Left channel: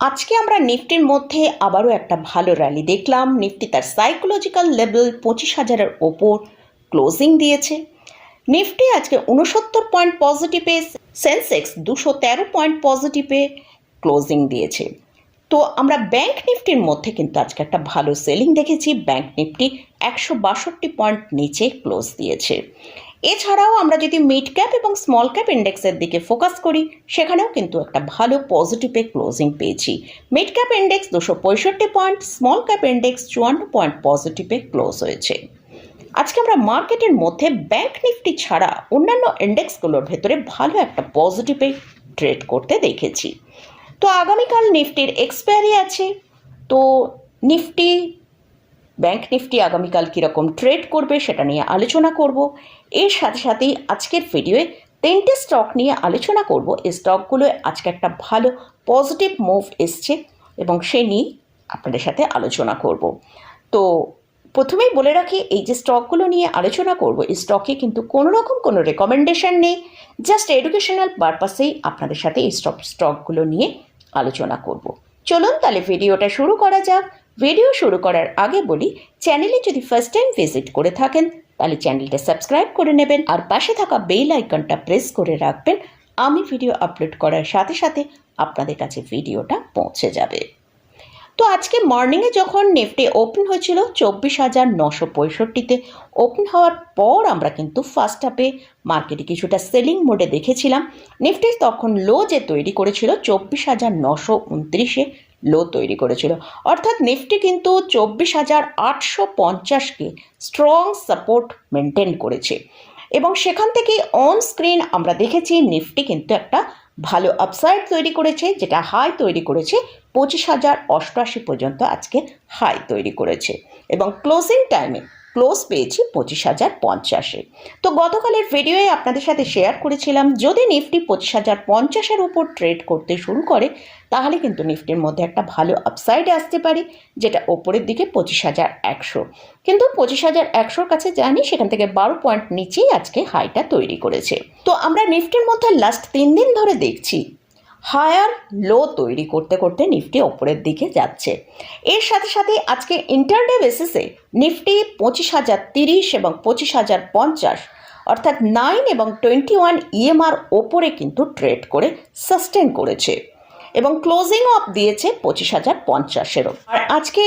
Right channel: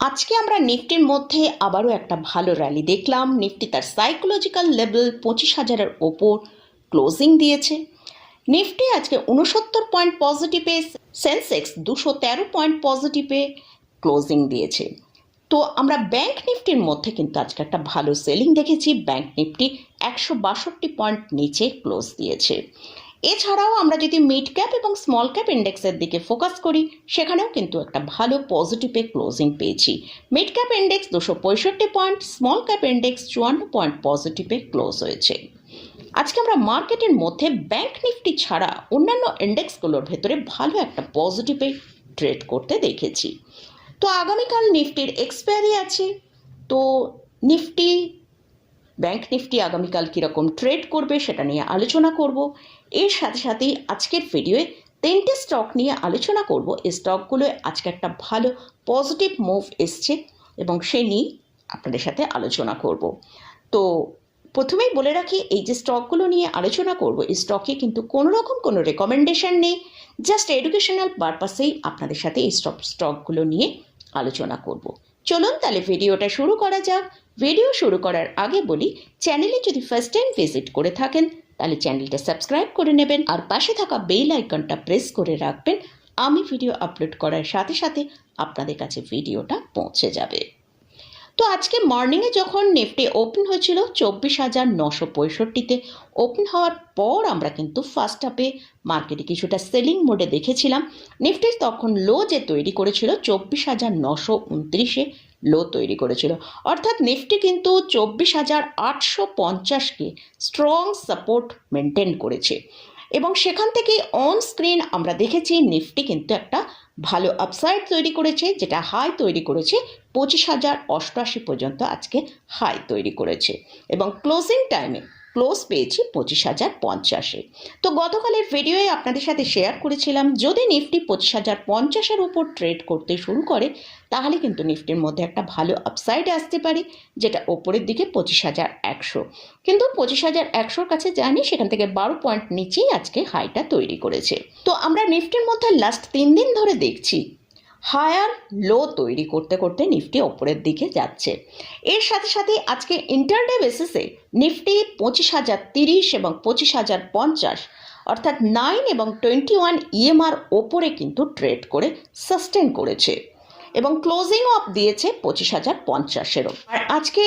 আজকে আমরা নিফটির মধ্যে আবারও একটা ভালো র্যালি দেখলাম। নিফটি তার সাইকোলজিক্যাল লেভেল পঁচিশ হাজারের ওপর ক্লোজিং দিয়েছে। নিফটি আজকে উনসত্তর পয়েন্ট পজিটিভে সেন্সেক্স দুশো তেরো পয়েন্ট পজিটিভে ক্লোজিং দিয়েছে। তো আমরা ব্যাংক নিফটির মধ্যে কিন্তু আজকে একটা ভালো সেলিং দেখেছি। ব্যাংক নিফটি একশো বাষট্টি পয়েন্ট নিচে ক্লোজ দিয়েছে। এছাড়াও আমরা যদি মিড ক্যাপ এবং স্মল ক্যাপ ইন্ডেক্সের দিকে ফোকাস করি, সেখানেও কিন্তু একটা ভালো পজিটিভে ক্লোজিং পেয়েছি। মিড ক্যাপ ইন্ডেক্স দুশো পঁয়ষট্টি পয়েন্ট স্মল ক্যাপ ইন্ডেক্স চুয়ান্ন পয়েন্ট পজিটিভে ক্লোজ হয়েছে। আজকে আমরা মার্কেটের মধ্যে ব্যাংক নিফটি ছাড়া অন্যান্য ইন্ডেক্সগুলোর ভেতরে ভালো একটা পজিটিভে ট্রেড করতে দেখেছি। তো আগামীকাল নিফটির এক্সপায়ারি আছে। তো নিফটি ব্যাংক নিফটি আগামীকাল কীরকম ট্রেড করবে সেটা নিয়ে আলোচনা করব। এর সাথে সাথেই আজকের ভিডিওয়ে তিনটে স্টক নিয়ে আলোচনা করব। এই স্টকগুলোয় আজকে একটা ভালো পজিটিভ মুভ এসছে এবং সে নিয়ে আপনাদের সাথে আলোচনা করব। তো প্রথমেই বলে রাখি, এই যে স্টকগুলো নিয়ে আলোচনা করব, এই স্টকে কিন্তু কোনো রকম কোনো রেকমেন্ডেশন নেই। জাস্ট এডুকেশনাল পারপাসেই আপনাদের সাথে এই স্টক স্টকগুলো নিয়ে আলোচনা করব। চলুন তাহলে ভিডিওটা শুরু করা যাক। ভিডিও শুরু করার আগে বলি চ্যানেলে যদি ফার্স্ট টাইম ভিজিট করে থাকেন তাহলে চ্যানেলটা সাবস্ক্রাইব করে নেবেন আর পাশে থাকা বেল আইকনটা প্রেস করে রাখবেন। আমি ভিডিও আপলোড করার সাথে সাথে আপনাদের কাছে ভিডিওটা পৌঁছে যাবে। তো আজকে মর্নিংয়ে যখন নিফটি ওপেন হয়েছিল চব্বিশ হাজার নশো পঁয়ষট্টিতে, ওপেন হওয়ার পর আমরা কিন্তু ফার্স্ট হাফে মার্কেটে কিছুটা সেলিং মোডে দেখেছিলাম। নিফটি তখন লো যে তৈরি করেছিল চব্বিশ হাজার নশো উনত্রিশে লো তৈরি করেছিল। অর্থাৎ নিফটি কিন্তু চব্বিশ হাজার আটশো পঞ্চাশকে স্ট্রং সাপোর্ট মেনটেন করেছে। এবং সেখান থেকে অন স্ক্রিন আমরা দেখেছি নিফটি কিন্তু একটা ভালো আপসাইড তৈরি করেছে, যেটা হাই তৈরি করেছে, পঁচিশ হাজার অষ্টআশি পর্যন্ত আজকে হাই তৈরি করেছে। এবং ক্লোজিং টাইমে ক্লোজ পেয়েছি পঁচিশ হাজার পঞ্চাশে। তো গতকালের ভিডিওয়ে আপনাদের সাথে শেয়ার করেছিলাম, যদি নিফটি পঁচিশ হাজার পঞ্চাশের উপর ট্রেড করতে শুরু করে, তাহলে কিন্তু নিফটির মধ্যে একটা ভালো আপসাইড আসতে পারে, যেটা ওপরের দিকে পঁচিশ হাজার একশো। কিন্তু পঁচিশ হাজার একশোর কাছে জানি সেখান থেকে বারো পয়েন্ট নিচেই আজকে হাইটা তৈরি করেছে। তো আমরা নিফটির মধ্যে লাস্ট তিন দিন ধরে দেখছি হায়ার লো তৈরি করতে করতে নিফটি ওপরের দিকে যাচ্ছে। এর সাথে সাথে আজকে ইন্টারডে বেসিসে নিফটি পঁচিশ হাজার তিরিশ এবং পঁচিশ হাজার পঞ্চাশ অর্থাৎ নাইন এবং টোয়েন্টি ওয়ান ইএমআর ওপরে কিন্তু ট্রেড করে সাস্টেন করেছে এবং ক্লোজিং অফ দিয়েছে পঁচিশ হাজার পঞ্চাশেরও। আর আজকে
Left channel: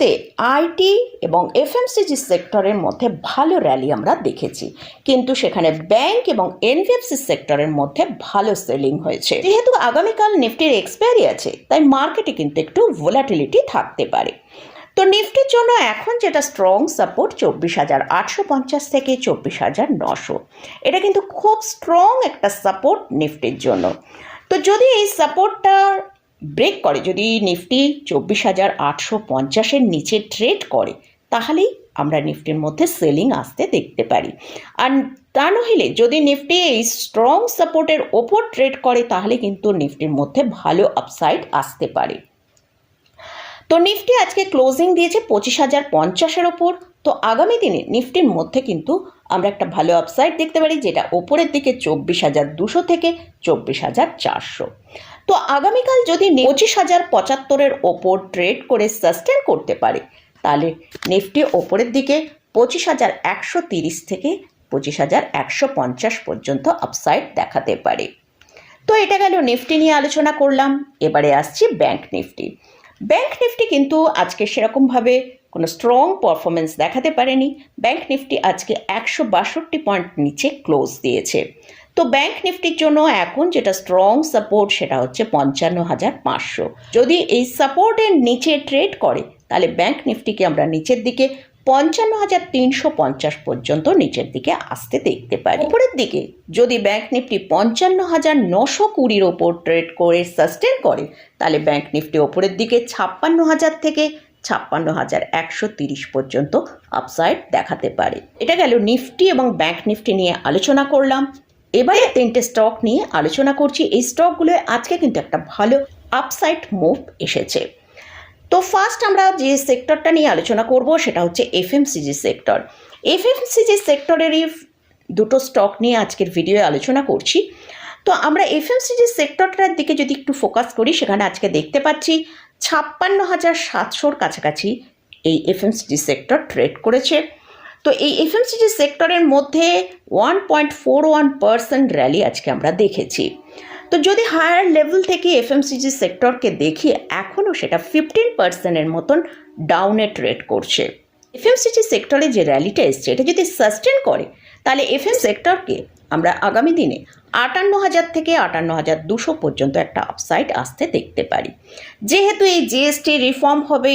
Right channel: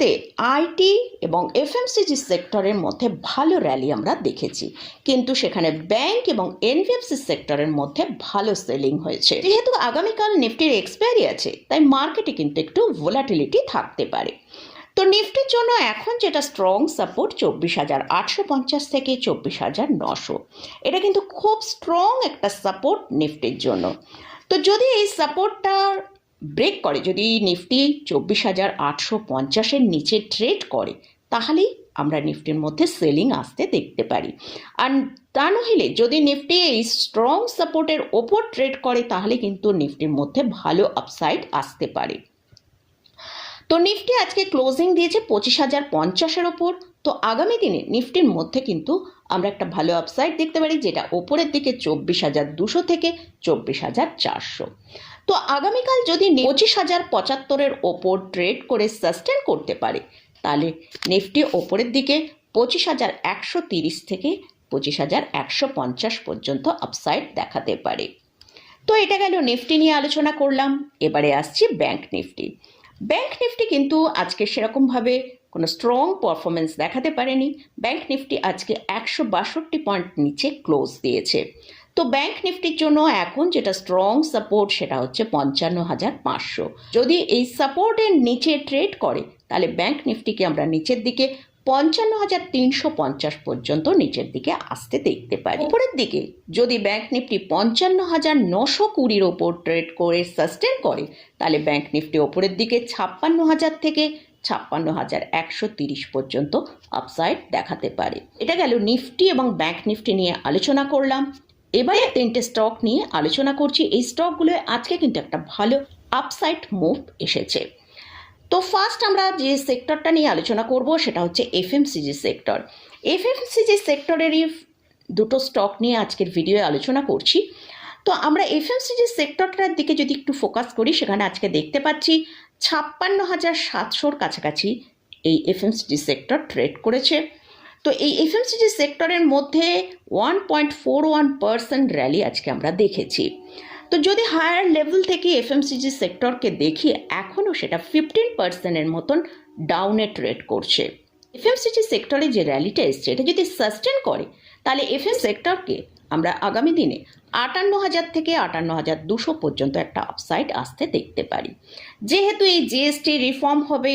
নিফটিতে আইটি এবং এফএমসিজি সেক্টরের মধ্যে ভালো র্যালি আমরা দেখেছি। কিন্তু সেখানে ব্যাংক এবং এনবিএফসি সেক্টরের মধ্যে ভালো সেলিং হয়েছে। যেহেতু আগামীকাল নিফটির এক্সপায়ারি আছে, তাই মার্কেটে কিন্তু একটু ভোলাটিলিটি থাকতে পারে। তো নিফটির জন্য এখন যেটা স্ট্রং সাপোর্ট চব্বিশ হাজার আটশো পঞ্চাশ থেকে চব্বিশ হাজার নশো। এটা কিন্তু খুব স্ট্রং একটা সাপোর্ট নিফটির জন্য। তো যদি এই সাপোর্টটা ব্রেক করে। যদি নিফটি চব্বিশ হাজার আটশো পঞ্চাশের নিচে ট্রেড করে, তাহলেই আমরা নিফটির মধ্যে সেলিং আসতে দেখতে পারি। আর তা নহিলে যদি নিফটি এই স্ট্রং সাপোর্টের ওপর ট্রেড করে, তাহলে কিন্তু নিফটির মধ্যে ভালো আপসাইড আসতে পারে। তো নিফটি আজকে ক্লোজিং দিয়েছে পঁচিশ হাজার পঞ্চাশের ওপর। তো আগামী দিনে নিফটির মধ্যে কিন্তু আমরা একটা ভালো আপসাইড দেখতে পারি, যেটা ওপরের দিকে চব্বিশ হাজার দুশো থেকে চব্বিশ হাজার চারশো। তো আগামীকাল যদি পঁচিশ হাজার পঁচাত্তরের ওপর ট্রেড করে সাস্টেন করতে পারে, তাহলে নিফটি ওপরের দিকে পঁচিশ হাজার একশো তিরিশ থেকে পঁচিশ হাজার একশো পঞ্চাশ পর্যন্ত আপসাইড দেখাতে পারে। তো এটা গেল নিফটি নিয়ে আলোচনা করলাম, এবারে আসছি ব্যাংক নিফটি ব্যাংক নিফটি কিন্তু আজকে সেরকমভাবে কোনো স্ট্রং পারফরমেন্স দেখাতে পারেনি। ব্যাংক নিফটি আজকে একশো বাষট্টি পয়েন্ট নিচে ক্লোজ দিয়েছে। তো ব্যাংক নিফটির জন্য এখন যেটা স্ট্রং সাপোর্ট সেটা হচ্ছে পঞ্চান্ন হাজার পাঁচশো। যদি এই সাপোর্টের নিচে ট্রেড করে, তাহলে ব্যাংক নিফটিকে আমরা নিচের দিকে, পঞ্চান্ন হাজার তিনশো পঞ্চাশ পর্যন্ত নিচের দিকে আসতে দেখতে পারি। উপরের দিকে যদি ব্যাংক নিফটি পঞ্চান্ন হাজার নশো কুড়ির ওপর ট্রেড করে সাস্টেন করে, তাহলে ব্যাংক নিফটি ওপরের দিকে ছাপ্পান্ন হাজার থেকে ছাপ্পান্ন হাজার একশো তিরিশ পর্যন্ত আপসাইড দেখাতে পারে। এটা গেল নিফটি এবং ব্যাংক নিফটি নিয়ে আলোচনা করলাম। এবারে তিনটে স্টক নিয়ে আলোচনা করছি। এই স্টকগুলো আজকে কিন্তু একটা ভালো আপসাইড মুভ এসেছে। তো ফার্স্ট আমরা যে সেক্টরটা নিয়ে আলোচনা করব, সেটা হচ্ছে এফএমসিজি সেক্টর এফএমসিজি সেক্টরেরই দুটো স্টক নিয়ে আজকের ভিডিওয়ে আলোচনা করছি। তো আমরা এফএমসিজি সেক্টরটার দিকে যদি একটু ফোকাস করি, সেখানে আজকে দেখতে পাচ্ছি ছাপ্পান্ন হাজার সাতশোর কাছাকাছি এই এফএমসিজি সেক্টর ট্রেড করেছে। তো এই এফএমসিজি সেক্টরের মধ্যে one point four one percent rally আজকে আমরা দেখেছি। তো যদি হায়ার লেভেল থেকে এফএমসিজি সেক্টরকে দেখি, এখনও সেটা ফিফটিন পার্সেন্টের মতন ডাউনে ট্রেড করছে। এফএমসিজি সেক্টরে যে র্যালিটা এসছে, এটা যদি সাস্টেন করে, তাহলে এফএম সেক্টরকে আমরা আগামী দিনে আটান্ন হাজার থেকে আটান্ন হাজার দুশো পর্যন্ত একটা আপসাইড আসতে দেখতে পারি। যেহেতু এই জিএসটি রিফর্ম হবে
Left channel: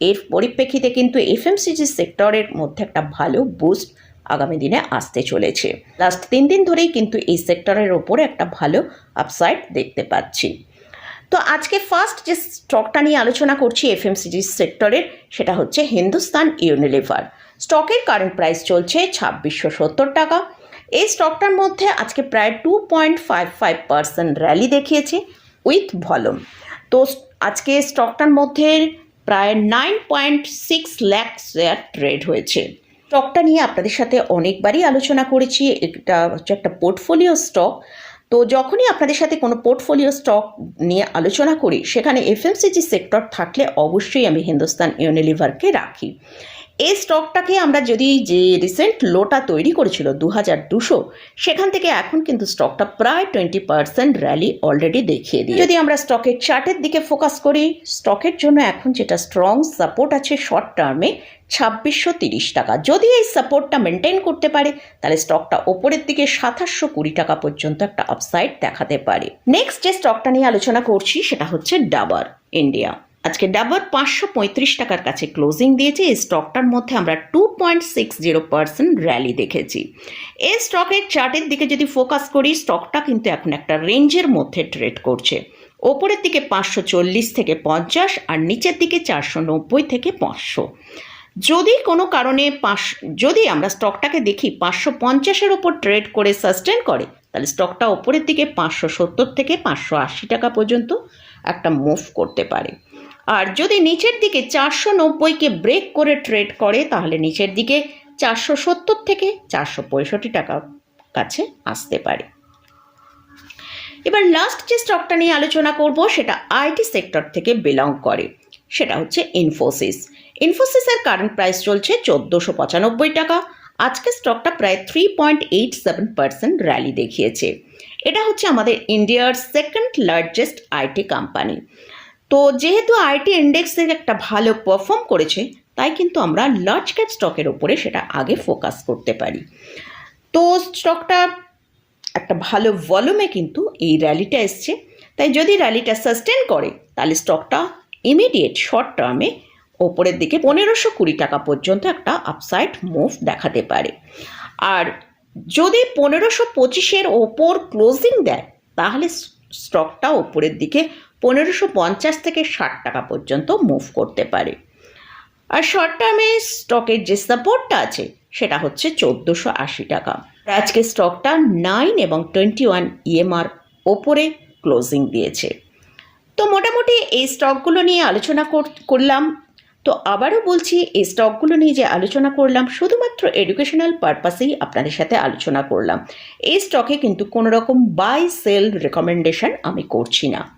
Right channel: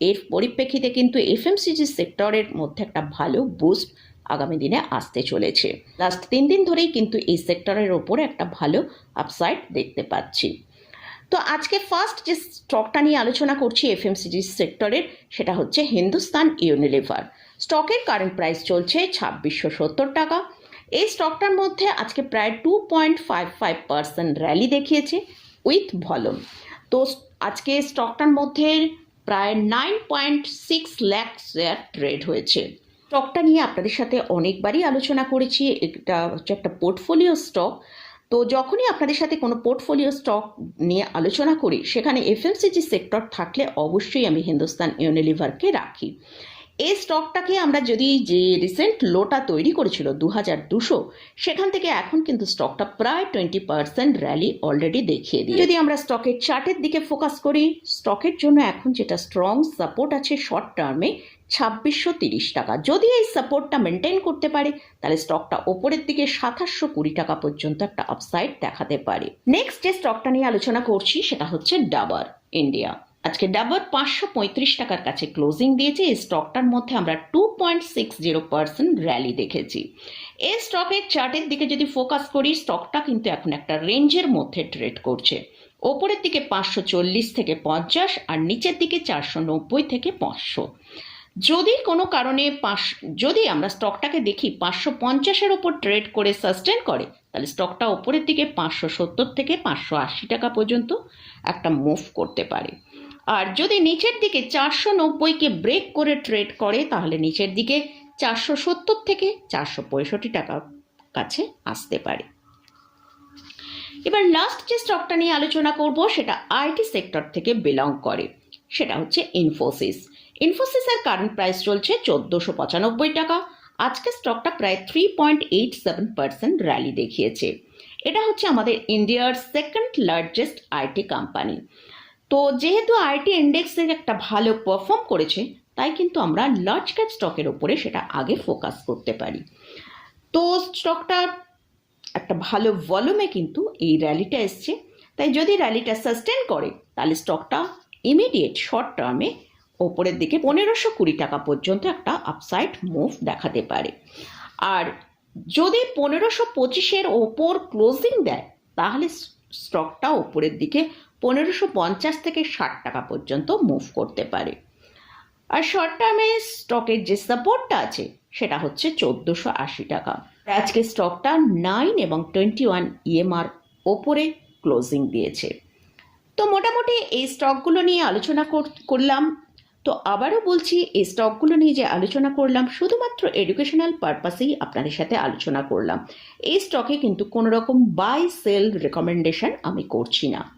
এর পরিপ্রেক্ষিতে কিন্তু এফএমসিজি সেক্টরের মধ্যে একটা ভালো বুস্ট আগামী দিনে আসতে চলেছে। লাস্ট তিন দিন ধরেই কিন্তু এই সেক্টরের ওপরে একটা ভালো আপসাইড দেখতে পাচ্ছি। তো আজকে ফার্স্ট যে স্টকটা নিয়ে আলোচনা করছি এফএমসিজি সেক্টরের, সেটা হচ্ছে হিন্দুস্তান ইউনিলিভার স্টকের কারেন্ট প্রাইস চলছে ছাব্বিশশো সত্তর টাকা। এই স্টকটার মধ্যে আজকে প্রায় two point five five percent rally দেখিয়েছে উইথ ভলুম তো আজকে স্টকটার মধ্যে প্রায় nine point six lakh share trade হয়েছে। স্টকটা নিয়ে আপনাদের সাথে অনেকবারই আলোচনা করেছি। এটা হচ্ছে একটা পোর্টফোলিও স্টক তো যখনই আপনাদের সাথে কোনো পোর্টফোলিও স্টক নিয়ে আলোচনা করি, সেখানে এফএমসিজি সেক্টর থাকলে অবশ্যই আমি হিন্দুস্তান ইউনিলিভারকে রাখি। এই স্টকটাকে আমরা যদি যে রিসেন্ট লোটা তৈরি করেছিল দু হাজার দুশো, সেখান থেকে এখন কিন্তু স্টকটা প্রায় টোয়েন্টি পার্সেন্ট র্যালি অলরেডি দেখিয়ে দিই যদি আমরা স্টকের চার্টের দিকে ফোকাস করি স্টকের জন্য এখন যেটা স্ট্রং সাপোর্ট আছে শর্ট টার্মে ছাব্বিশশো তিরিশ টাকা। যদি এই সাপোর্টটা মেনটেন করতে পারে, তাহলে স্টকটা ওপরের দিকে সাতাশশো কুড়ি টাকা পর্যন্ত একটা আপসাইড দেখাতে পারে। নেক্সট যে স্টকটা নিয়ে আলোচনা করছি, সেটা হচ্ছে ডাবার ইন্ডিয়া আজকে ডাবর পাঁচশো পঁয়ত্রিশ টাকার কাছে ক্লোজিং দিয়েছে। এই স্টকটার মধ্যে আমরা two point six zero percent rally দেখেছি। এই স্টকের চার্টের দিকে যদি ফোকাস করি স্টকটা কিন্তু এখন একটা রেঞ্জের মধ্যে ট্রেড করছে। ওপরের দিকে পাঁচশো চল্লিশ থেকে পঞ্চাশ আর নিচের দিকে চারশো নব্বই থেকে পাঁচশো। যদি কোনো কারণে পাঁচ, যদি আমরা স্টকটাকে দেখি পাঁচশো পঞ্চাশের ওপর ট্রেড করে সাস্টেন করে, তাহলে স্টকটা ওপরের দিকে পাঁচশো সত্তর থেকে পাঁচশো আশি টাকা পর্যন্ত একটা মুভ করতে পারে। আর যদি নিচের দিকে চারশো নব্বইকে ব্রেক করে ট্রেড করে, তাহলে নিচের দিকে চারশো সত্তর থেকে চারশো পঁয়ষট্টি টাকা কাছে আসতে পারে। এবার লাস্ট যে স্টকটা নিয়ে আলোচনা করব, সেটা আইটি সেক্টর থেকে বিলং করে। সেটা হচ্ছে ইনফোসিস ইনফোসিসের কারেন্ট প্রাইস চলছে চোদ্দোশো পঁচানব্বই টাকা। আজকে স্টকটা প্রায় three point eight seven percent rally দেখিয়েছে। এটা হচ্ছে আমাদের ইন্ডিয়ার সেকেন্ড লার্জেস্ট আইটি কোম্পানি তো যেহেতু আইটি ইন্ডেক্স থেকে একটা ভালো পারফর্ম করেছে, তাই কিন্তু আমরা লার্জ ক্যাপ স্টকের ওপরে সেটা আগে ফোকাস করতে পারি। তো স্টকটা একটা ভালো ভলিউমে কিন্তু এই র্যালিটা এসছে। তাই যদি র্যালিটা সাস্টেন করে, তাহলে স্টকটা ইমিডিয়েট শর্ট টার্মে ওপরের দিকে পনেরোশো কুড়ি টাকা পর্যন্ত একটা আপসাইড মুভ দেখাতে পারে। আর যদি পনেরোশো পঁচিশের ওপর ক্লোজিং দেয়, তাহলে স্টকটা ওপরের দিকে পনেরোশো পঞ্চাশ থেকে ষাট টাকা পর্যন্ত মুভ করতে পারে। আর শর্ট টার্মে স্টকের যে সাপোর্টটা আছে, সেটা হচ্ছে চোদ্দোশো আশি টাকা। আজকে স্টকটা নাইন এবং টোয়েন্টি ওয়ান ইএমআর ওপরে ক্লোজিং দিয়েছে। তো মোটামুটি এই স্টকগুলো নিয়ে আলোচনা করলাম। তো আবারও বলছি, এই স্টকগুলো নিয়ে যে আলোচনা করলাম, শুধুমাত্র এডুকেশনাল পারপাসেই আপনাদের সাথে আলোচনা করলাম। এই স্টকে কিন্তু কোনো রকম বাই সেল রেকমেন্ডেশন আমি করছি না।